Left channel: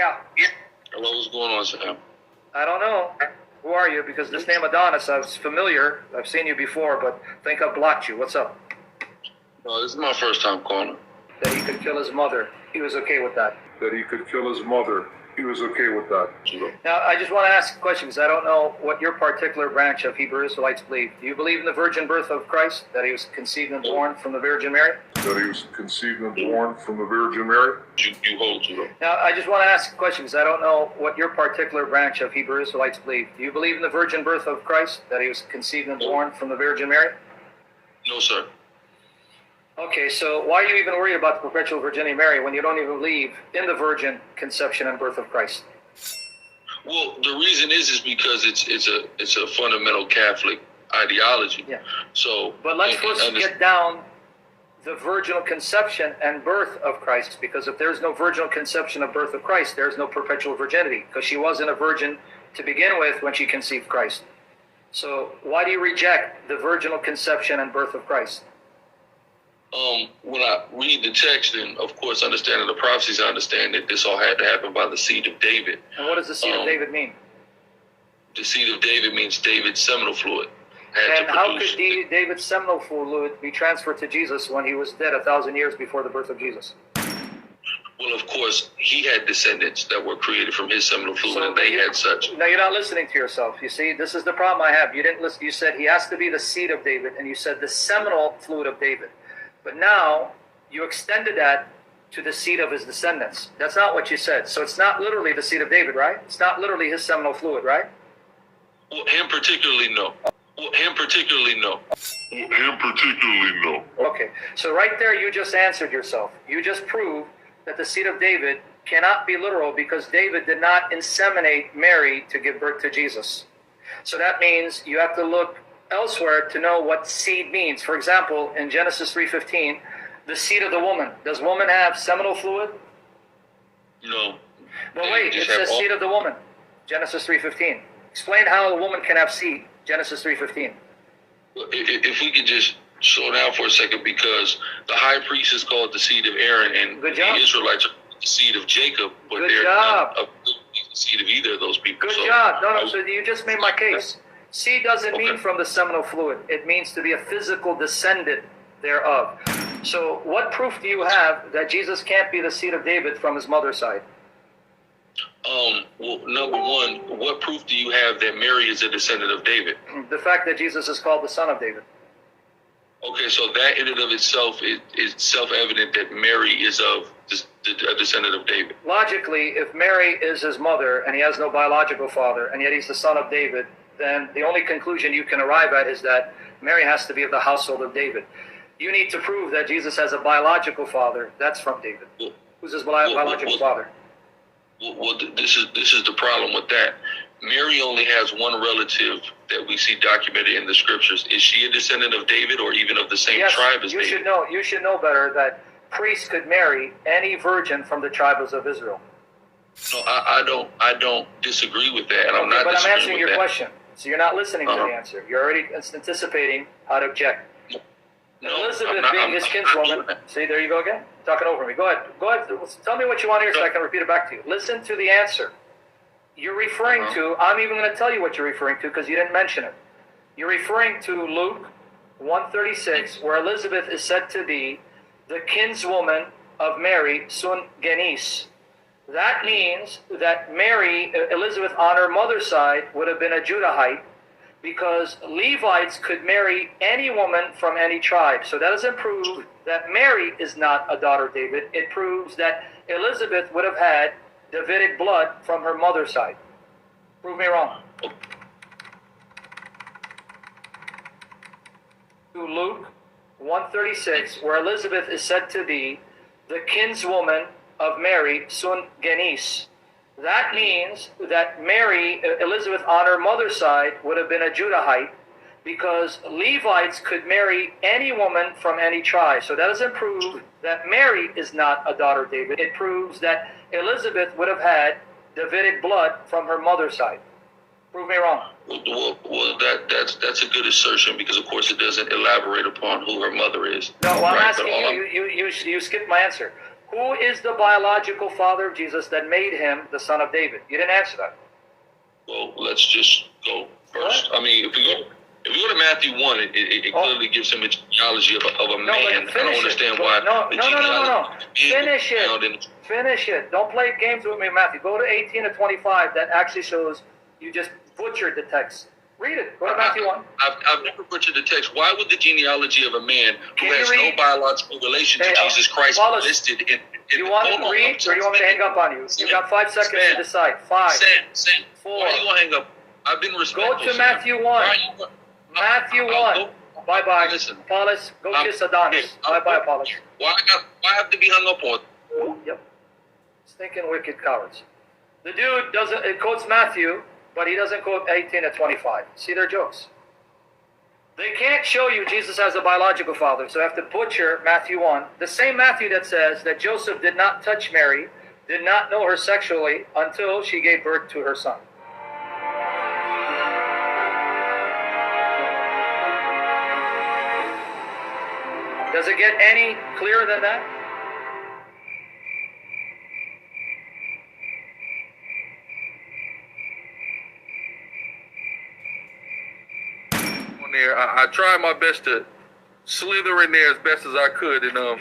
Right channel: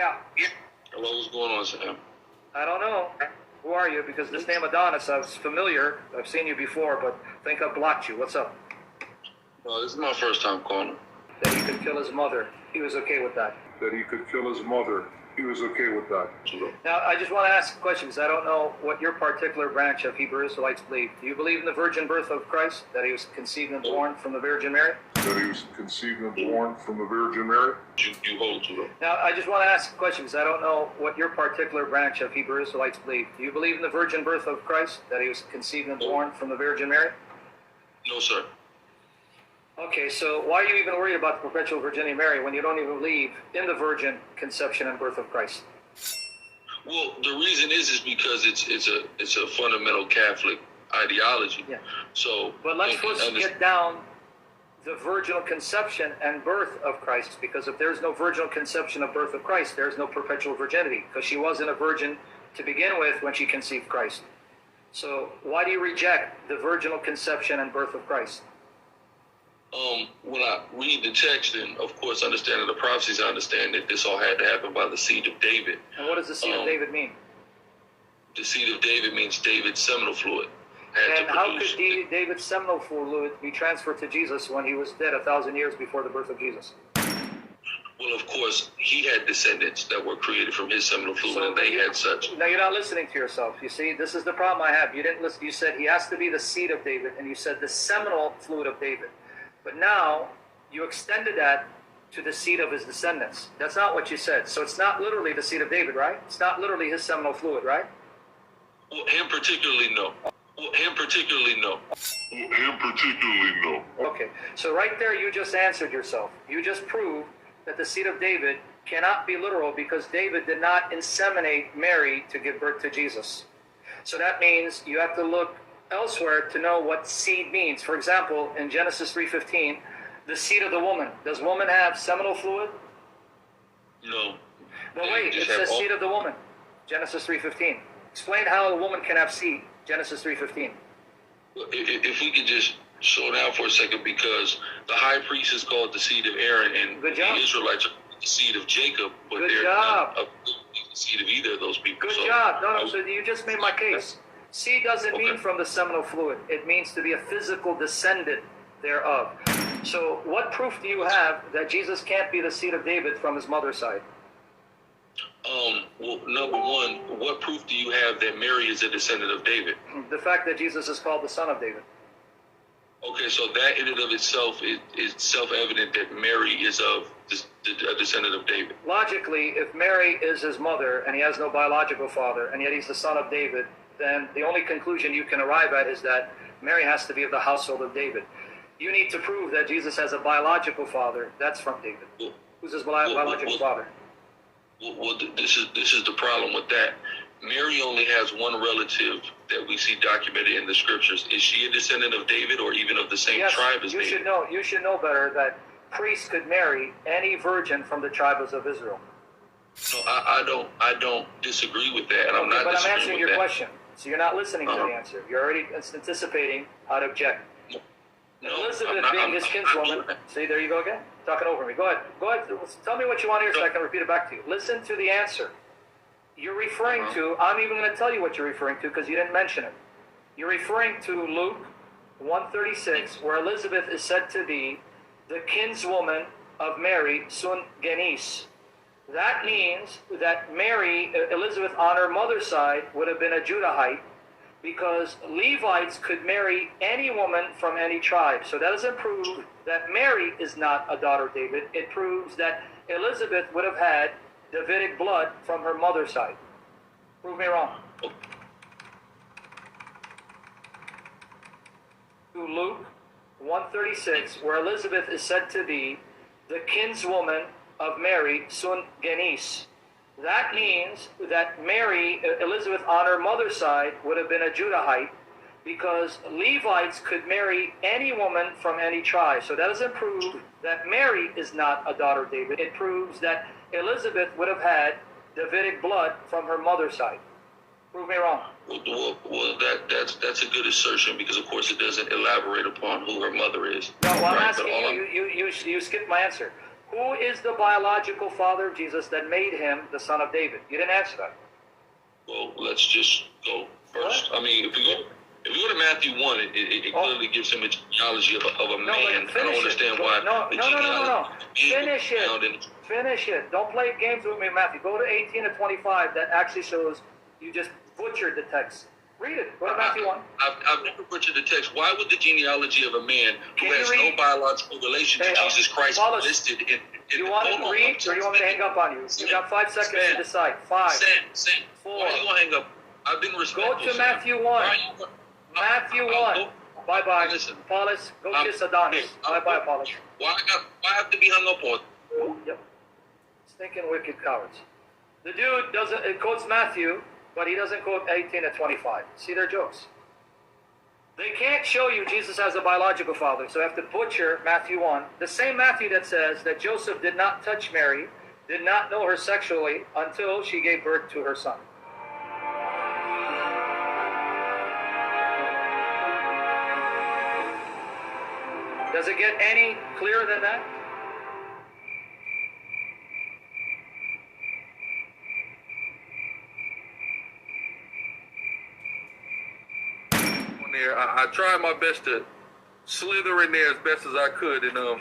Yeah. Hello, what's going on, Sam? I don't know. Who are you? Because this name Adonis, I was familiar. I've seen you before, but I think I blocked you. What's up? No, this is my first time calling. That he could kill his mother. He was okay with that. That he could kill his mother. He was okay with that. Now, I just want to ask a question because I don't know what your particular branch of Hebrew Israelites believe. Do you believe in the virgin birth of Christ? That he was conceived and born from the Virgin Mary? That he was conceived and born from the Virgin Mary? You hold to them. Now, I just want to ask a question because I don't know what your particular branch of Hebrew Israelites believe. Do you believe in the virgin birth of Christ? That he was conceived and born from the Virgin Mary? No, sir. Okay, so why are you even worried about the perpetual virginity of Mary when you don't even believe in the virgin conception and birth of Christ? Well, the reason is because it's a fundamental Catholic ideology. Yeah. So, but let's first get down the virginal conception and birth of Christ, because if there's no virginal conception of birth of Christ, there's no perpetual virginity, because she wasn't a virgin to begin with when she conceived Christ. So why do you reject the virginal conception and birth of Christ? When I read the text and, of course, understanding the prophecies, I understand that this all had to happen by the seed of David. And what does the seed of David mean? The seed of David means David's seminal fluid. And how could David's seminal fluid be transferred to Jesus when he was dead 1,000 years before the birth of Jesus? Well, of course, he had descendants that were created from his seminal fluid, and they had such. No, you're not listening to yourself. You see, this is the problem I have. You didn't listen. You said he has to be the seed of David, and you said the seminal fluid of David. But now you extended that to the seed of his descendants. That's not what you said. So it's not literally the seed of David, right? It's not literally his seminal fluid, right? Well, him particularly, no. Him particularly, no. Okay, so right there you just answered yourself. You just proved that the seed of David cannot be literal because David did not inseminate Mary to give birth to Jesus. So that means you have to look elsewhere to know what seed means. For example, in Genesis 3:15, the seed of the woman. Does woman have seminal fluid? No. But wait, it says seed of the woman. Genesis 3:15. Explain how a woman can have seed. Genesis 3:15. If we could just slow down for a second, because the high priest is called the seed of Aaron, and the Israelites are the seed of Jacob, but they're not the seed of either of those people. Good job. No, so you just made my case. Seed doesn't mean from the seminal fluid. It means to be a physical descendant thereof. So what proof do you have that Jesus can't be the seed of David from his mother's side? Well, number one, what proof do you have that Mary is a descendant of David? The fact that Jesus is called the son of David. Okay, so that in and of itself is self-evident that Mary is a descendant of David. Logically, if Mary is his mother and he has no biological father, and yet he's the son of David, then the only conclusion you can arrive at is that Mary has to be of the household of David. You need to prove that Jesus has a biological father. That's from David. Who's his biological father? Well, this is the problem with that. Mary only has one relative that we see documented in the scriptures. Is she a descendant of David or even of the same tribe as David? You should know better that priests could marry any virgin from the tribes of Israel. No, I don't disagree with that, and I'm not. But I'm answering your that. question, so you're not listening to the answer. You're already anticipating how to object. No, Elizabeth being his kinswoman. See, there you go again, talking over me. Go ahead. Tell me what you want to hear so I can repeat it back to you. Listen to the answer. You're referring to. I'm even going to tell you what you're referring to because you didn't mention it. You're referring to Luke 1:36, where Elizabeth is said to be the kinswoman of Mary, sun genis. That means that Mary, Elizabeth, on her mother's side, would have been a Judahite, because Levites could marry any woman from any tribe. So that doesn't prove that Mary is not a daughter of David. It proves that Elizabeth would have had Davidic blood from her mother's side. Prove me wrong. To Luke 1:36, where Elizabeth is said to be the kinswoman of Mary, sun genis. That means that Mary, Elizabeth, on her mother's side, would have been a Judahite, because Levites could marry any woman from any tribe. So that doesn't prove that Mary is not a daughter of David. It proves that Elizabeth would have had Davidic blood from her mother's side. Prove me wrong. Well, that's a good assertion, because of course it doesn't elaborate upon who her mother is. No, well, I'm asking you skipped my answer. Who is the biological father of Jesus that made him the son of David? You didn't answer that. Well, let's just go first. What? I mean, if we go to Matthew 1, it clearly gives him a genealogy of a man. I don't understand why. No. Finish it. Finish it. Don't play games with me, Matthew. Go to 18 to 25. That actually shows you just butchered the text. Read it. Go to Matthew 1. I've never butchered the text. Why would the genealogy of a man who has no biological relation to Jesus Christ be listed in you want to read, or you want me to hang up on you? You got 5 seconds to decide. 5. Sam, 4. Why are you going to hang up? I've been respectful. Go to Matthew 1. Matthew 1. Bye-bye. Listen. Apollos, go kiss Adonis. Bye-bye, Apollos. Why have to be hung up on? Yep. Stinking wicked cowards. The dude it quotes Matthew, but he doesn't quote 18 to 25. See their jokes. They can't show you Jesus has a biological father, so I have to butcher Matthew 1. The same Matthew that says that Joseph did not touch Mary, did not know her sexually until she gave birth to her son. Does it get any clearer than that? I tried my best to slither in there as best as I could, and